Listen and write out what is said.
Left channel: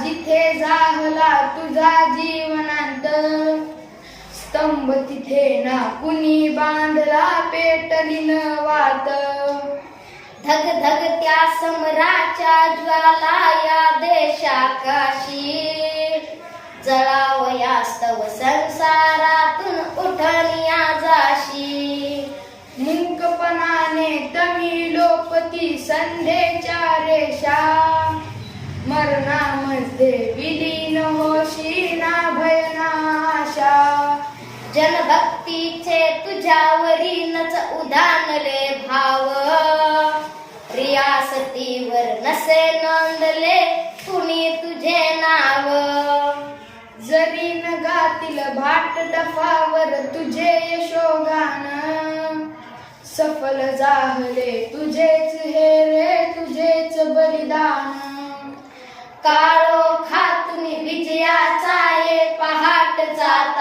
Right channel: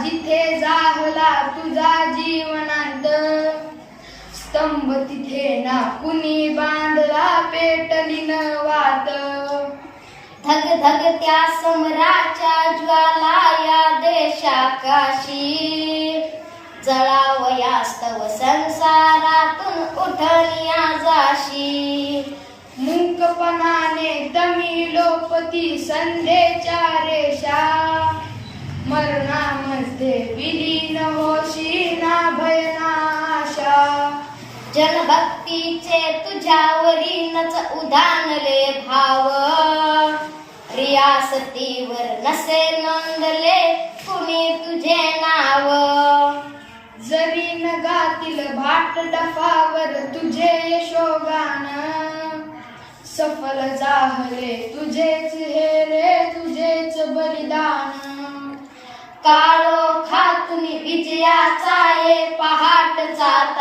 जिथे जाहला तुझा जीवनांत, स्तंभ तिथे ना कुणी बांधला पेटली न वात. धगधगत्या समराच्या ज्वाला या देशाकाशी, जळावयास्तव संसारातून उठनिया जाशी. मुंकपणाने तमी लोपती संध्येच्या रेषा, मरणामध्ये विलीन होशी ना भय ना आशा. जनभक्तीचे तुझ्यावरीनच उधाणले भाव, रियासतीवर नसे नोंदले कुणी तुझे नाव. जरी न गातील भाट डफावर तुझे यशोगान, सफल जाहले तुझेच हे रे तुझेच बलिदान. काळोखातून विजयाचा ये पहाट जात